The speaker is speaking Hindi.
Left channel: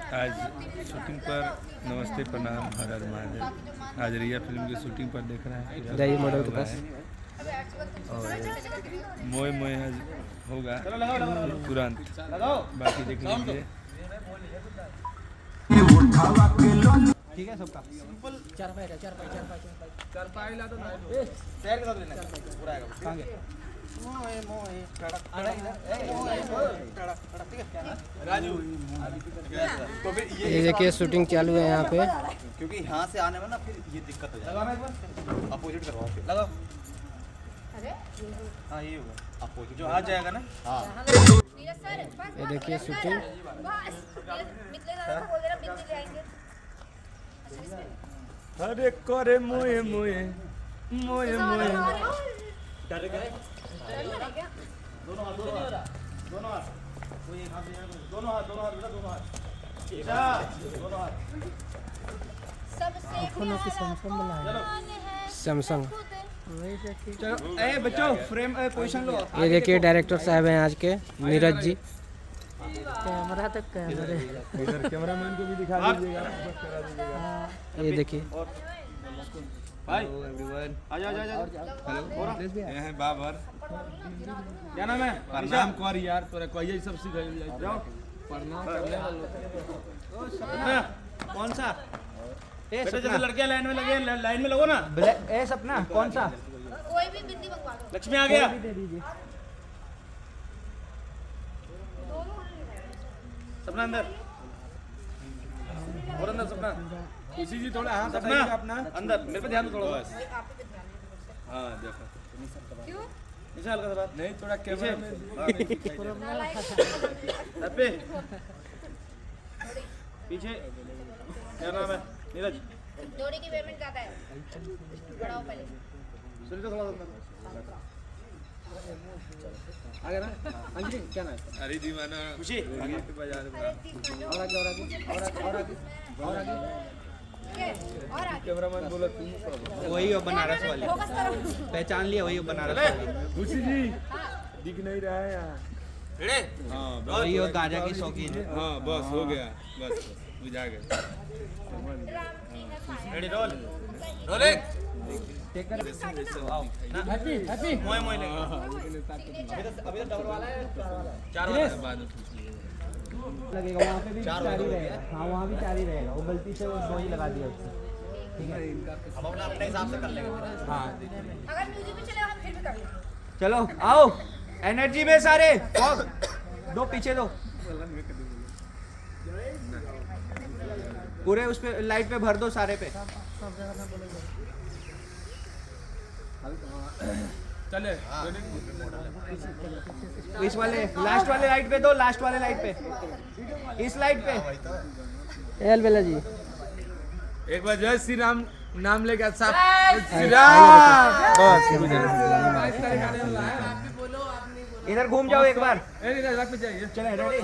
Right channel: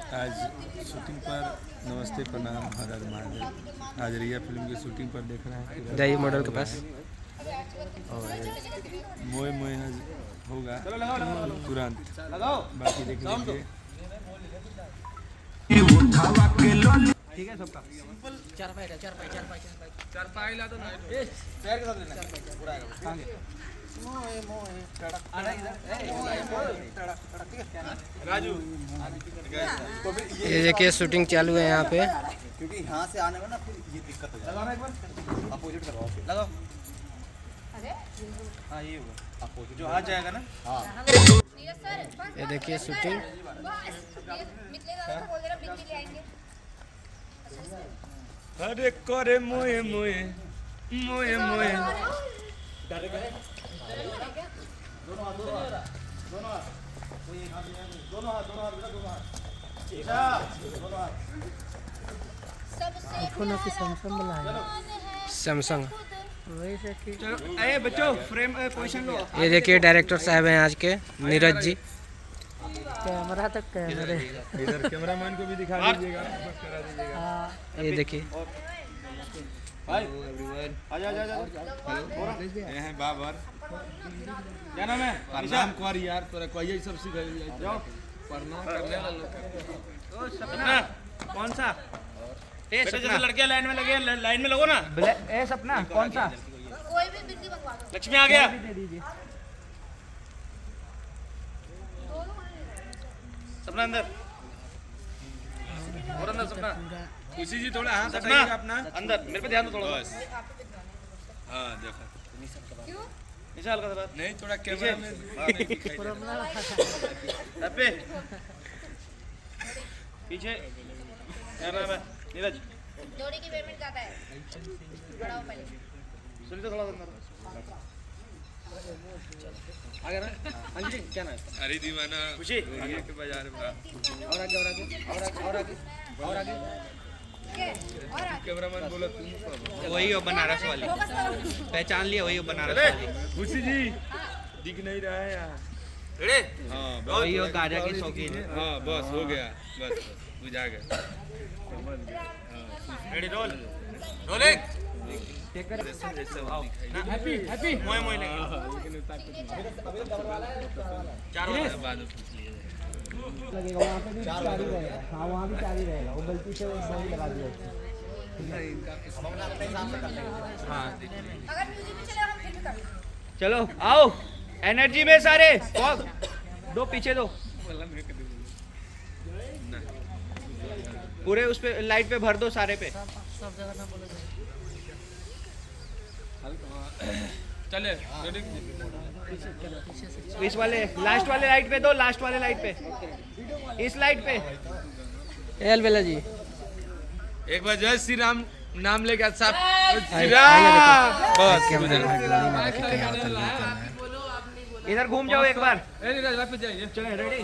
आज शूटिंग पर नमस्ते प्रणाम हर हर महादेव। आज रिया फिल्म की शूटिंग पर देख रहे हैं, जाइए मॉडल के पास। और मोए मोए होगा तुरंत, बाकी देख लीजिए। ठीक है सबका सिंपल चार पाई ला दो ना पैर के साथ लेना पूरा आएगा। मोए मोए टड़क ठीक है राजू। तो फिर ये देखिए शूटिंग चालू है यहाँ पे, क्योंकि यहाँ से आने में ना फिर ये दिक्कत हो जाएगी। एक बार अपोजिट करवाओ फिर। लगाओ। हाँ ये होगा अपोजिट जो आ जाएगा ना। हाँ ये देखिए शूटिंग। अरे करे मोए मोए मोए मोए। दोनों हाथ कोई एक हाथ यहाँ कोई दोनों हाथ बेटा दोनों हाथ सैमसंग। चलो ए बच्चों फ्रेम पोजीशन लो। ये देखिए डायरेक्टर साहब हैं आज के, नीरज जी। कैमरा तक कैमरे इधर कैमरामैन को भी दिखा दीजिएगा, बस करा दीजिएगा। ये देखिए भाई एवरीवन, आजा हेलो, ये है बाबर। क्या नाम है? प्रणाम कर यार, तोरा कहिए सब सीख जाओ प्रणाम करने ओ सपना कौन सा? ए जैसे लड़के लाइन में लगे, लाइन में लगो ना। ए सपना कौन सा? कोई भी बिंदी मंगवा दो। लक्ष्मी आ गया। दे दीजिए सपना अंदर और अंदर सपना। खुशी जी थोड़ा हाथ सपना हटाइएगा अपना अंदर मेरे पे ध्यान दो थोड़ा। बस। हाँ देखो, क्यों? नीचे हल्का सा बात नहीं थोड़ा कैमरा में पे पीछे। क्या नाम है? नीरज। जोड़ी की पेमेंट क्या है? बढ़ाओ पहले। सुन तो थोड़ा अंदर आ गया ना। अंजलि क्या नाम है? अरे दीवाना खुशी के बाजार में और आगे और आगे और आगे और आगे और आगे। कैमरामैन बोला तुम वही हो बनारस वाली, फोकस करो। पहचान लिया वही हो बनारस वाली। खुशी जी दिख नहीं रहा है यार। रेडी। हाँ वही हो गाजा की शौकीन है। हाँ बस हो गया, बस बुझा गया। Ready roll rolling. Happy happy मोए मोए लेंगे। अभी तो डबल वाला है चार वाला है। बाद में पूछ लीजिएगा। लगेगा वहाँ पे भी चार ही रहेगा। हाँ वहाँ भी चार ही रहेगा, वो गलती से वो दो ही लगा दिया उसने। हम अपने हिसाब से कर लेंगे। अगर म्यूजिक भी चलेगा हम फिर भी कर लेंगे। चलो आओ एनर्जी में सारे दो पीछे दो पूरे उस पे लाइट पे भर दो सारे पे। चले इस वाले लास्ट वाले लाइट पे दो, लास्ट वाले लाइट पे, इस लाइट पे। एल बेला जी एक बार जय श्री राम नाम लेके साहब। इधर घूम जाओ एक बार। वापस जाइए, चले रेडी।